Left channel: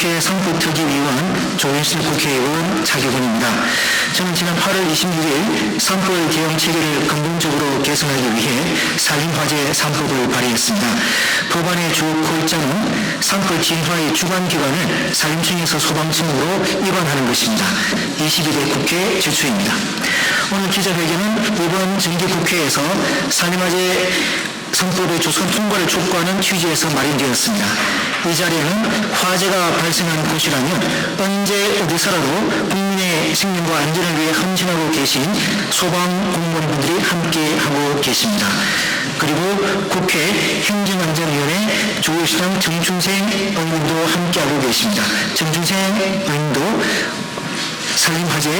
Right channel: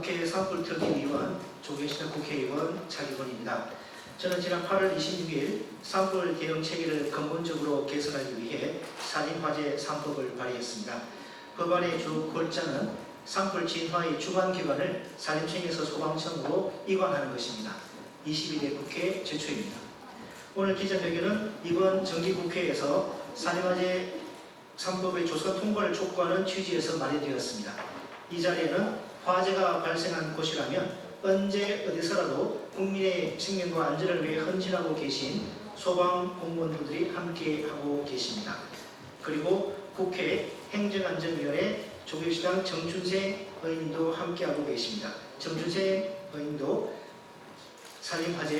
국회 산불특위위원 조윤실 국회의원 차기근입니다. 저는 지난 8월 26일 산불 개혁 체계를 근본적으로 개선하기 위해 산림화재 3법을 발의했습니다. 법안의 주 골자는 산불 진화의 주관기관을 산림청에서 소방청으로 이관하는 것입니다. 22대 국회 제출입니다. 오늘 기자회견은 이번 정기국회에서 산림화재 3법의 조선 통과를 촉구하는 취지에서 마련되었습니다. 이 자리는 화재가 발생한 곳이라면 언제 어디서라도 국민의 생명과 안전을 위해 헌신하고 계신 소방공무원분들이 함께하고 계십니다. 그리고 국회 행정안전위원회 조효시장 정춘생 의원도 함께하고 계십니다. 정춘생 의원도 산림화재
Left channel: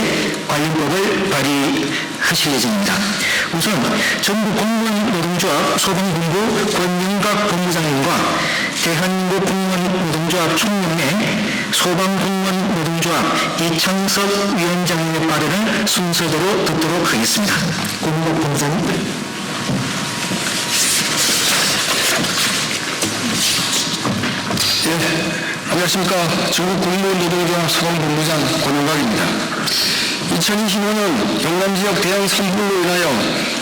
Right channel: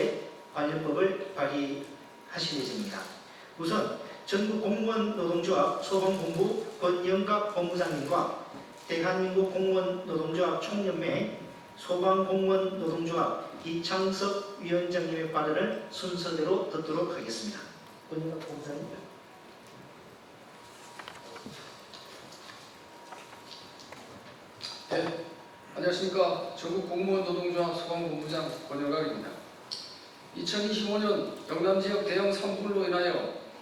관련법을 발의하실 예정입니다. 우선 전국 공무원 노동조합 소방본부 권영각 본부장님과 대한민국 공무원 노동조합 총연맹 소방공무원 노동조합 이창석 위원장님의 발언을 순서대로 듣도록 하겠습니다. 권영각 본부장님. 안녕하십니까. 전국 공무원 노동조합 소방본부장 권영각입니다. 2025년 영남지역 대형 산불로 인하여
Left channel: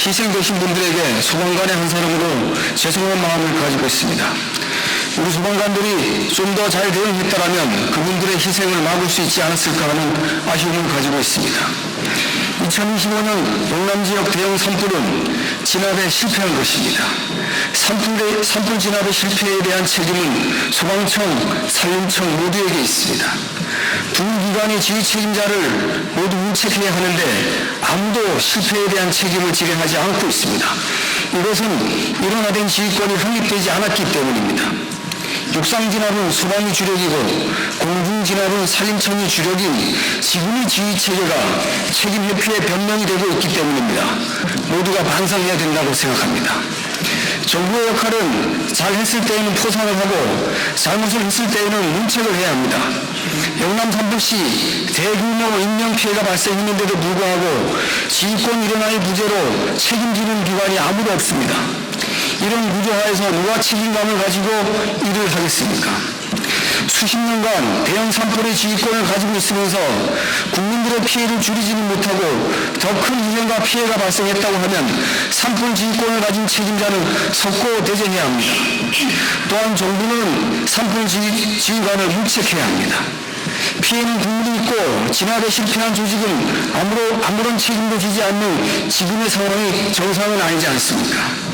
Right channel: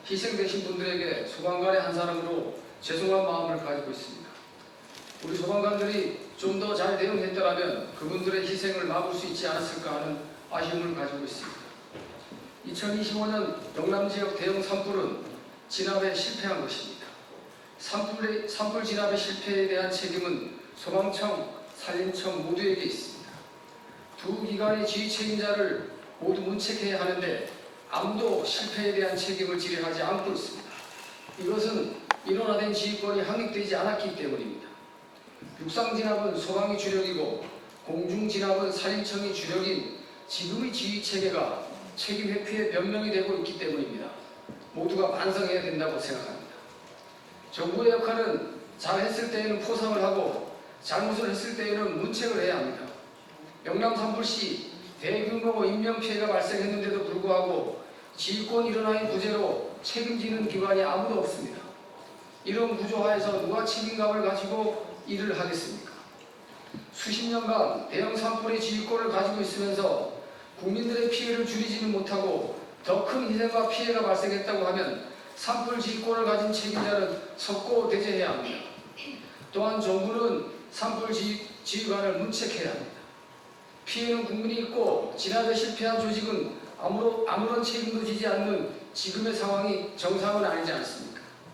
희생되신 분들에게 소방관의 한 사람으로 죄송한 마음을 가지고 있습니다. 우리 소방관들이 좀 더 잘 대응했다면 그분들의 희생을 막을 수 있지 않았을까 하는 아쉬움을 가지고 있습니다. 2025년 영남지역 대형 산불은 진압에 실패한 것입니다. 산불 진압의 실패에 대한 책임은 소방청, 산림청 모두에게 있습니다. 두 기관의 지휘 책임자를 모두 문책해야 하는데 아무도 실패에 대한 책임을 지행하지 않고 있습니다. 이것은 일원화된 지휘권이 확립되지 않았기 때문입니다. 육상진압은 소방이 주력이고 공중진압은 산림청이 주력인 지금의 지휘체계가 책임 회피의 변명이 되고 있기 때문입니다. 모두가 반성해야 된다고 생각합니다. 정부의 역할은 잘했을 때에는 포상을 하고 잘못을 했을 때에는 문책을 해야 합니다. 영남 산불시 대규모 인명피해가 발생했는데도 불구하고 지휘권 일원화의 부재로 책임지는 기관이 아무도 없습니다. 이런 구조하에서 누가 책임감을 가지고 일을 하겠습니까? 수십 년간 대형 산불의 지휘권을 가지고 있으면서 국민들의 피해를 줄이지는 못하고 더 큰 위험과 피해가 발생했다고 하면 산불 지휘권을 가진 책임자는 석고 대쟁해야 합니다. 또한 정부는 산불 지휘관을 문책해야 합니다. 피해는 국민이 있고 진압에 실패한 조직은 아무런 책임도 지지 않는 지금의 상황이 정상은 아니지 않습니까?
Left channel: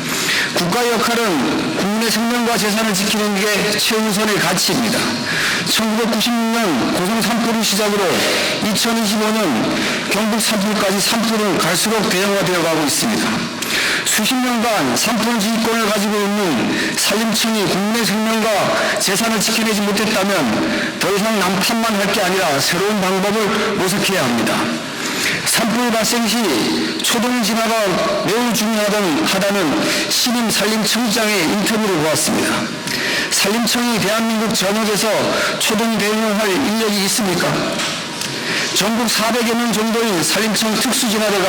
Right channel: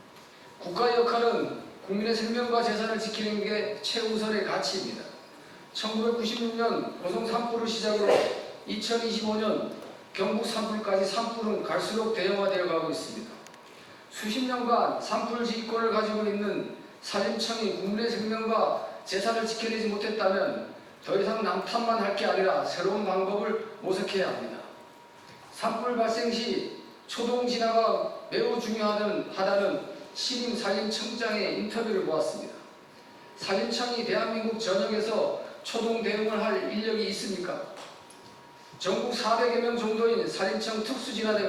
국가의 역할은 국민의 생명과 재산을 지키는 게 최우선의 가치입니다. 1996년 고성 산불을 시작으로 2025년 경북 산불까지 산불은 갈수록 대형화되어 가고 있습니다. 수십 년간 산불 지휘권을 가지고 있는 산림청이 국민의 생명과 재산을 지켜내지 못했다면 더 이상 남탓만 할 게 아니라 새로운 방법을 모색해야 합니다. 산불 발생 시 초동 진화가 매우 중요하다는 신임 산림청장의 인터뷰를 보았습니다. 산림청이 대한민국 전역에서 초동 대응을 할 인력이 있습니까? 전국 400여 명 정도의 산림청 특수진화대가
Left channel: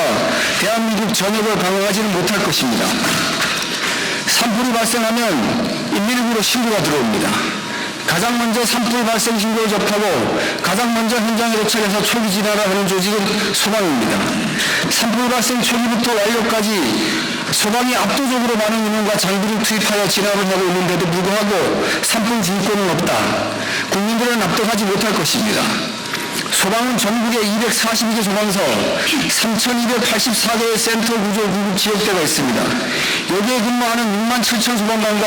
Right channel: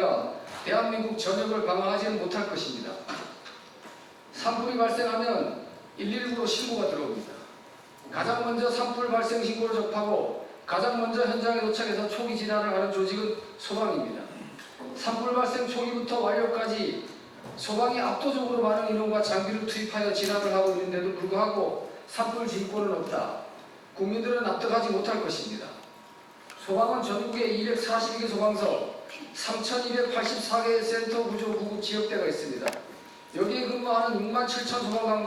대한민국 전역을 방어하지는 못할 것입니다. 산불이 발생하면 119로 신고가 들어옵니다. 가장 먼저 산불 발생 신고를 접하고 가장 먼저 현장에 도착해서 초기 진화를 하는 조직은 소방입니다. 산불 발생 초기부터 완료까지 소방이 압도적으로 많은 인원과 장비를 투입하여 진압을 하고 있는데도 불구하고 산불 지휘권은 없다. 국민들은 납득하지 못할 것입니다. 소방은 전국에 242개 소방서, 3,284개의 센터 구조 구급 지역대가 있습니다. 여기에 근무하는 6만 7천 소방관과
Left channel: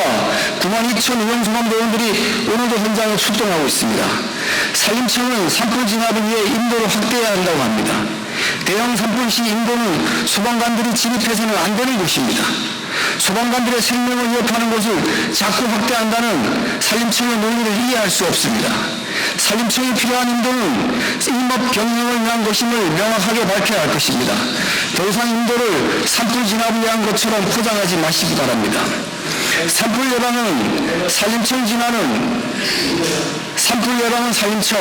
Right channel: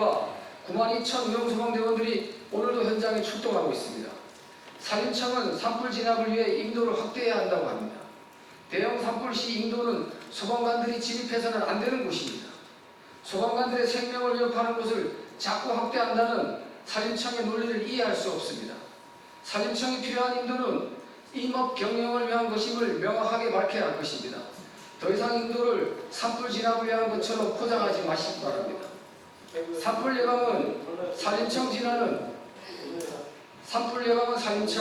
9만 2천 의원 소방대원들이 오늘도 현장에 출동하고 있습니다. 산림청은 산불 진압을 위해 인도를 확대해야 한다고 합니다. 대형 산불 시 인도는 소방관들이 진입해서는 안 되는 것입니다. 소방관들의 생명을 위협하는 것을 자꾸 확대한다는 산림청의 논리를 이해할 수 없습니다. 산림청이 필요한 인도는 임업 경영을 위한 것임을 명확하게 밝혀야 할 것입니다. 더 이상 인도를 산불 진압을 위한 것처럼 포장하지 마시기 바랍니다. 산불 예방은 산림청 진화는 산불 예방은 산림청,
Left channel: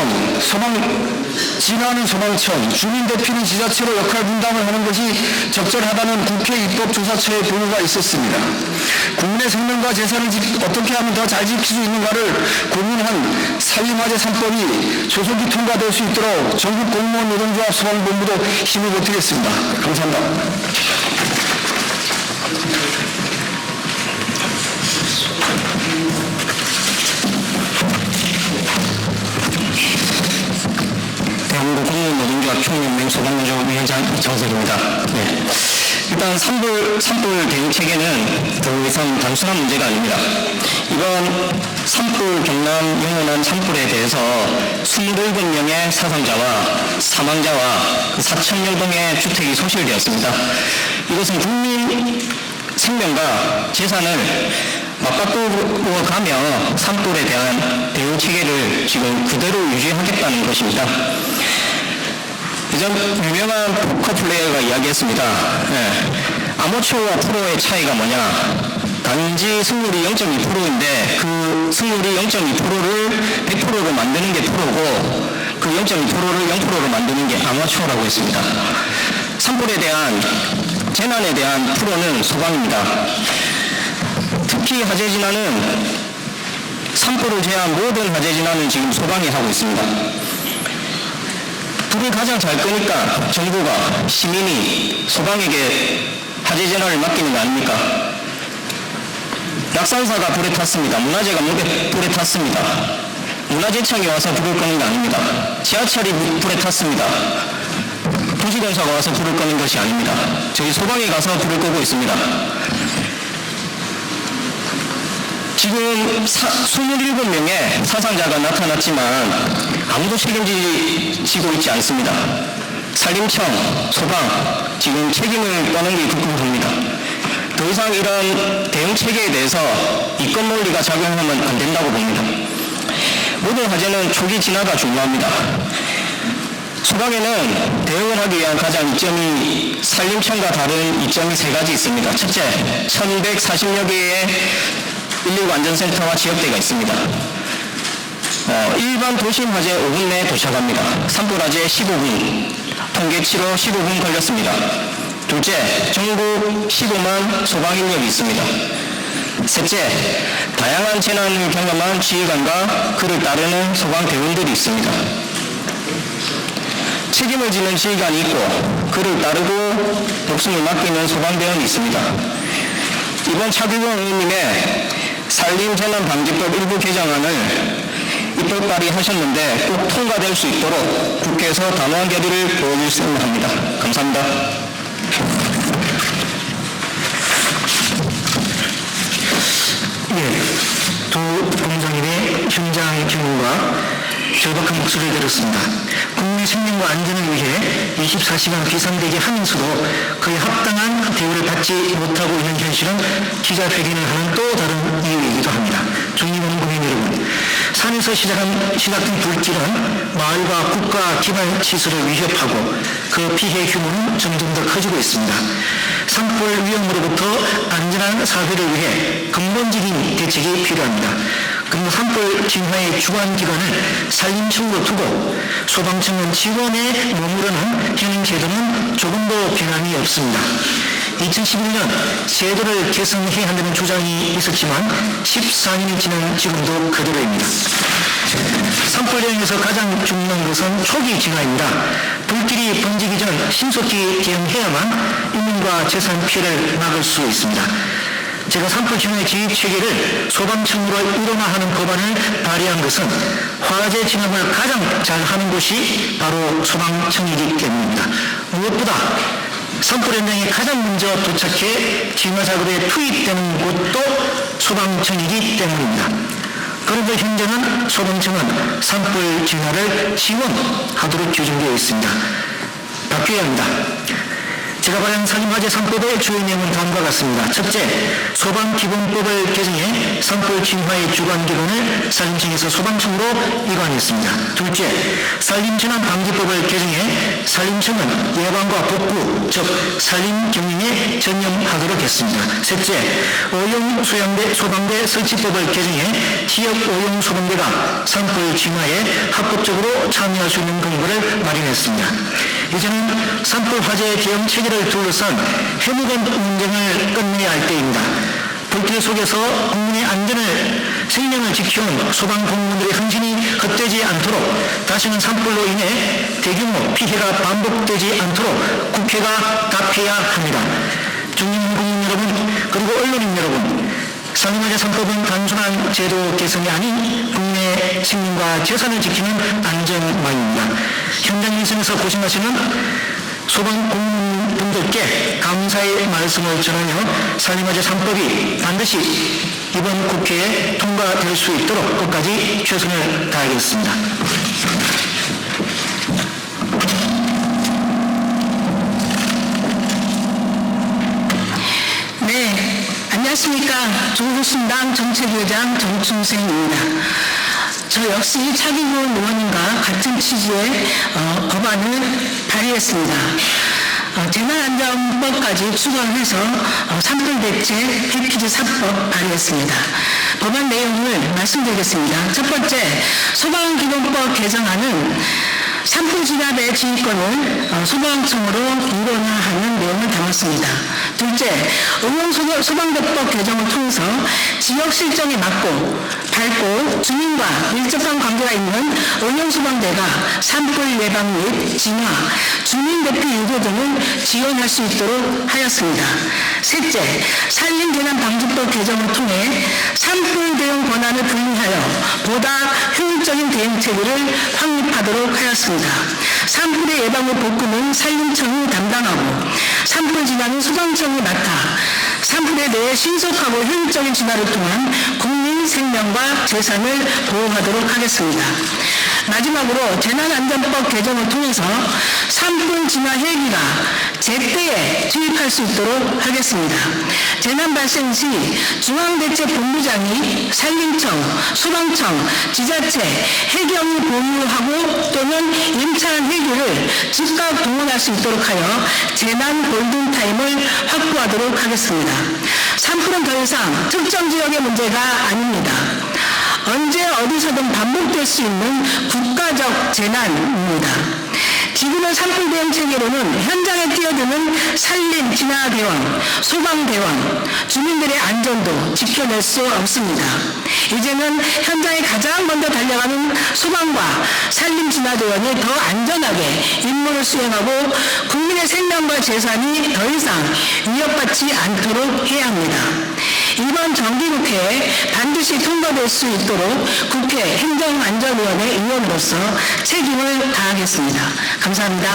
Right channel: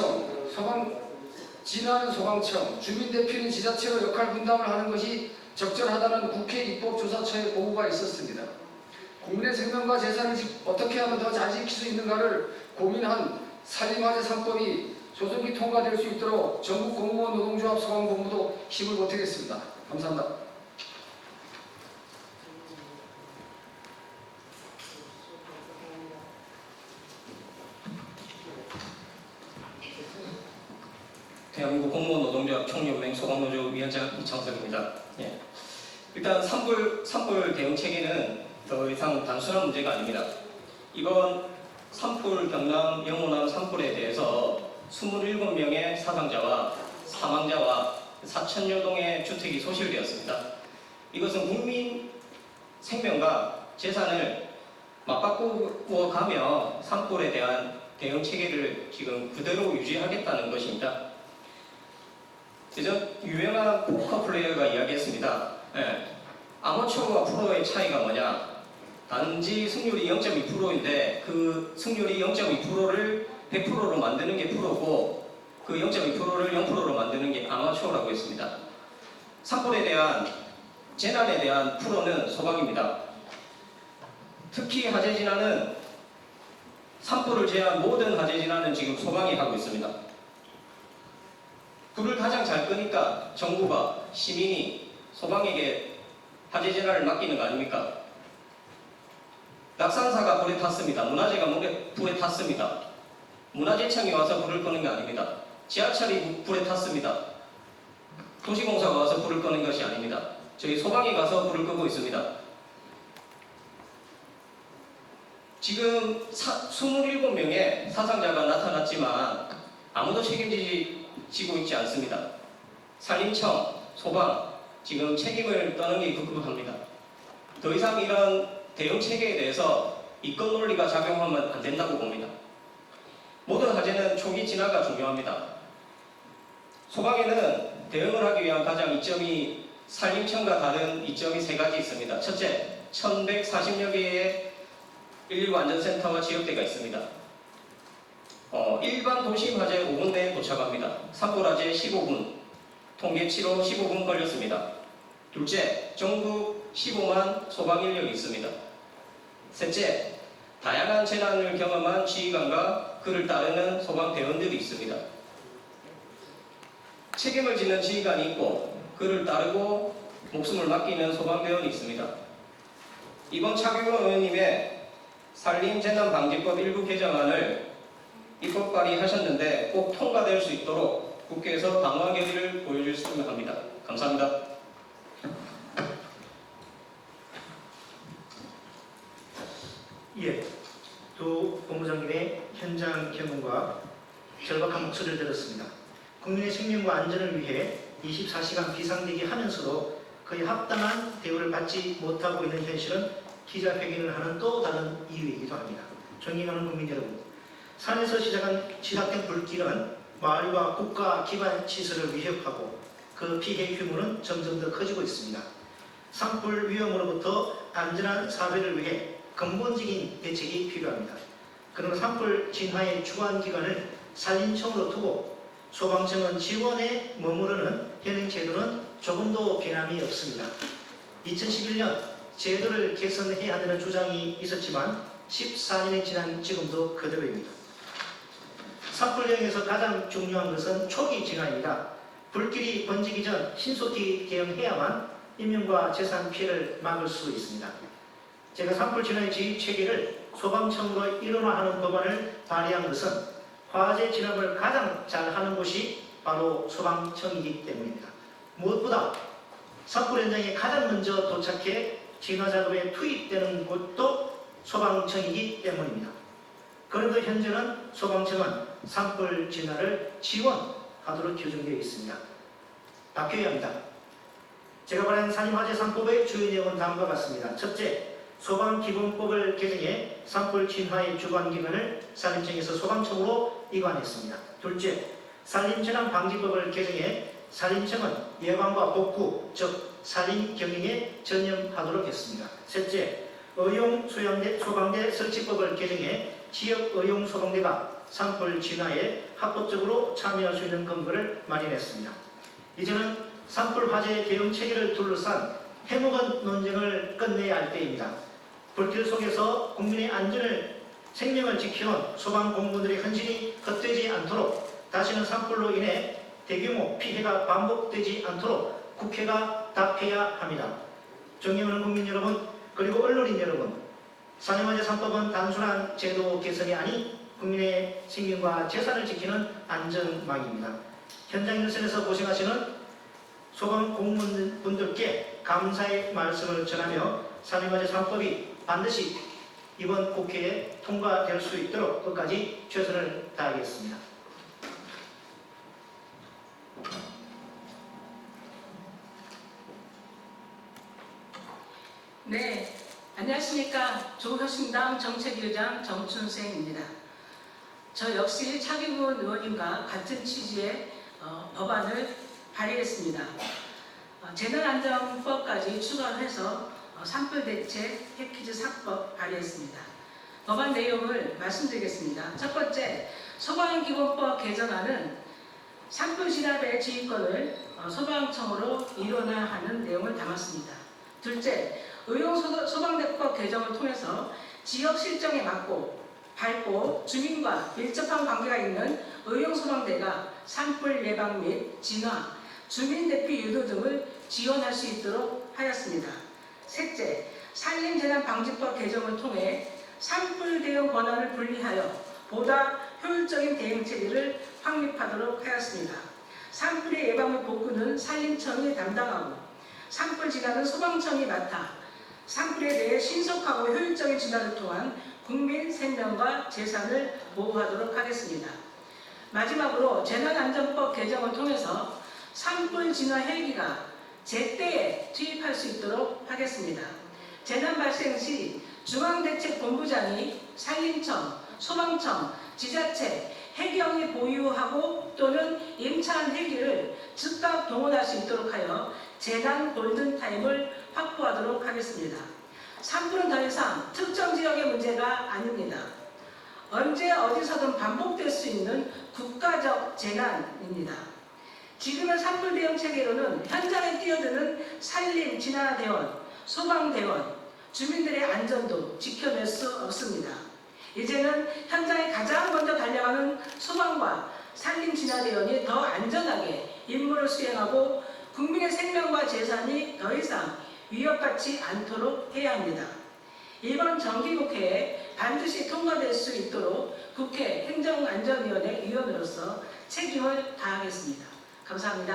진화는 소방청, 주민대표는 지자체로 역할 분담을 하는 것이 적절하다는 국회 입법조사처의 보고가 있었습니다. 국민의 생명과 재산을 어떻게 하면 더 잘 지킬 수 있는가를 고민한 산림화재 3법이 조속히 통과될 수 있도록 전국 공무원 노동조합 소방본부도 힘을 보태겠습니다. 감사합니다. 대한민국 공무원 노동조합 총연맹 소방노조합 위원장 이정석입니다. 네. 일단 산불 대응 체계는 더 이상 단순한 문제가 아닙니다. 이번 산불 경남 영원한 산불에 대해서 27명의 사상자와 사망자와 4,000여 동의 주택이 소실되었습니다. 이것은 국민 생명과 재산을 맞바꾸어 가며 산불에 대한 대응 체계를 지금 그대로 유지하겠다는 것입니다. 예전 유명한 포커 플레이어가 이야기했습니다. 아마추어와 프로의 차이가 뭐냐? 단지 승률이 0.2%인데 그 승률이 0.2%를 100%로 만드는 게 프로고 그 0.2%를 0%로 만드는 게 아마추어라고 했습니다. 산불에 대한 재난에 대한 프로는 소방입니다. 특히 화재 진화는 산불을 제외한 모든 화재 진화는 지금 소방이 하고 있습니다. 불을 가장 잘 끄니까 정부가 시민이 소방에게 화재 진화를 맡기는 거 아닙니까? 약산사가 불에 탔습니다. 문화재가 불에 탔습니다. 문화재청이 와서 불을 끄는 거 아닙니다. 지하철이 불에 탔습니다. 도시공사가 와서 불을 끄는 것이 아닙니다. 저희 소방이 가서 불을 끄고 있습니다. 지금 27명의 사상자가 나타났지만 아무도 책임지고 있지 않습니다. 산림청, 소방, 지금 책임을 떠는 게 급급합니다. 더 이상 이런 대응 체계에 대해서 이권 논리가 작용하면 안 된다고 봅니다. 모든 화재는 초기 진화가 중요합니다. 소방에는 대응을 하기 위한 가장 이점이 산림청과 다른 이점이 세 가지 있습니다. 첫째, 1140여 개의 119 안전센터와 지역대가 있습니다. 일반 도심 화재 5분 내에 도착합니다. 산불 화재 15분, 통계치로 15분 걸렸습니다. 둘째, 전국 15만 소방 인력이 있습니다. 셋째, 다양한 재난을 경험한 지휘관과 그를 따르는 소방 대원들이 있습니다. 책임을 지는 지휘관이 있고 그를 따르고 목숨을 맡기는 소방대원이 있습니다. 이번 차규경 의원님의 산림재난방지법 일부 개정안을 입법 발의하셨는데 꼭 통과될 수 있도록 국회에서 단호한 결의를 보여주셨으면 합니다. 감사합니다. 두 공장님의 현장 경우가 절박한 목소리를 들었습니다. 국민 생명과 안전을 위해 24시간 비상대기 하면서도 그에 합당한 대우를 받지 못하고 있는 현실은 기자회견을 하는 또 다른 이유이기도 합니다. 존경하는 국민 여러분, 산에서 시작된 불길은 마을과 국가 기반 시설을 위협하고 그 피해 규모는 점점 더 커지고 있습니다. 산불 위험으로부터 안전한 사회를 위해 근본적인 대책이 필요합니다. 그리고 산불 진화의 주관기관을 산림청으로 두고 소방청은 지원에 머무르는 현행 제도는 조금도 변함이 없습니다. 2011년 제도를 개선해야 한다는 주장이 있었지만 14년이 지난 지금도 그대로입니다. 산불 대응에서 가장 중요한 것은 초기 진화입니다. 불길이 번지기 전 신속히 대응해야만 인명과 재산 피해를 막을 수 있습니다. 제가 산불 진화의 지휘 체계를 소방청으로 일원화하는 법안을 발의한 것은 화재 진압을 가장 잘하는 곳이 바로 소방청이기 때문입니다. 무엇보다 산불 현장에 가장 먼저 도착해 진화 작업에 투입되는 곳도 소방청이기 때문입니다. 그런데 현재는 소방청은 산불 진화를 지원하도록 규정되어 있습니다. 바뀌어야 합니다. 제가 발의한 살림화재 3법의 주요 내용은 다음과 같습니다. 첫째, 소방기본법을 개정해 산불 진화의 주관기관을 산림청에서 소방청으로 이관했습니다. 둘째, 산림재난방지법을 개정해 산림청은 예방과 복구, 즉 산림경영에 전념하도록 했습니다. 셋째, 오용소방대 설치법을 개정해 지역 오용소방대가 산불 진화에 합법적으로 참여할 수 있는 근거를 마련했습니다. 이제는 산불 화재 대응 체계를 둘러싼 해묵은 논쟁을 끝내야 할 때입니다. 불길 속에서 국민의 안전을 생명을 지켜온 소방공무원들의 헌신이 헛되지 않도록 다시는 산불로 인해 대규모 피해가 반복되지 않도록 국회가 답해야 합니다. 중진 국민 여러분, 그리고 언론인 여러분, 살림화재 3법은 단순한 제도 개선이 아닌 국민의 생명과 재산을 지키는 안전망입니다. 현장 일선에서 고심하시는 소방공무원분들께 감사의 말씀을 전하며 살림화재 3법이 반드시 이번 국회에 통과될 수 있도록 끝까지 최선을 다하겠습니다. 네, 안녕하십니까. 조국신당 정책위원장 정춘생입니다. 저 역시 차기훈 의원님과 같은 취지의 법안을 발의했습니다. 재난안전법까지 추가해서 산불대책 패키지 3법 발의했습니다. 법안 내용을 말씀드리겠습니다. 첫 번째, 소방기본법 개정안은 산불 진압의 지휘권을 소방청으로 이관하는 내용을 담았습니다. 둘째, 소방대법 개정을 통해서 지역 실정에 맞고 밝고 주민과 밀접한 관계가 있는 응용소방대가 산불 예방 및 진화, 주민대피 유도 등을 지원할 수 있도록 하였습니다. 셋째, 산림재난방지법 개정을 통해 산불 대응 권한을 분리하여 보다 효율적인 대응체계를 확립하도록 하였습니다. 산불의 예방과 복구는 산림청이 담당하고 산불 진화는 소방청이 맡아 산불에 대해 신속하고 효율적인 진화를 통한 국민 생명과 재산을 보호하도록 하겠습니다. 마지막으로 재난안전법 개정을 통해서 산불 진화 헬기가 제때에 투입할 수 있도록 하겠습니다. 재난 발생 시 중앙대책본부장이 산림청, 소방청, 지자체, 해경이 보유하고 또는 임차한 헬기를 즉각 동원할 수 있도록 하여 재난 골든타임을 확보하도록 하겠습니다. 산불은 더 이상 특정 지역의 문제가 아닙니다. 언제 어디서든 반복될 수 있는 국가적 재난입니다. 기존의 산불 대응 체계로는 현장에 뛰어드는 산림 진화대원, 소방대원, 주민들의 안전도 지켜낼 수 없습니다. 이제는 현장에 가장 먼저 달려가는 소방과 산림 진화대원이 더 안전하게 임무를 수행하고 국민의 생명과 재산이 더 이상 위협받지 않도록 해야 합니다. 이번 정기국회에 반드시 통과될 수 있도록 국회 행정안전위원회 의원으로서 책임을 다하겠습니다. 감사합니다.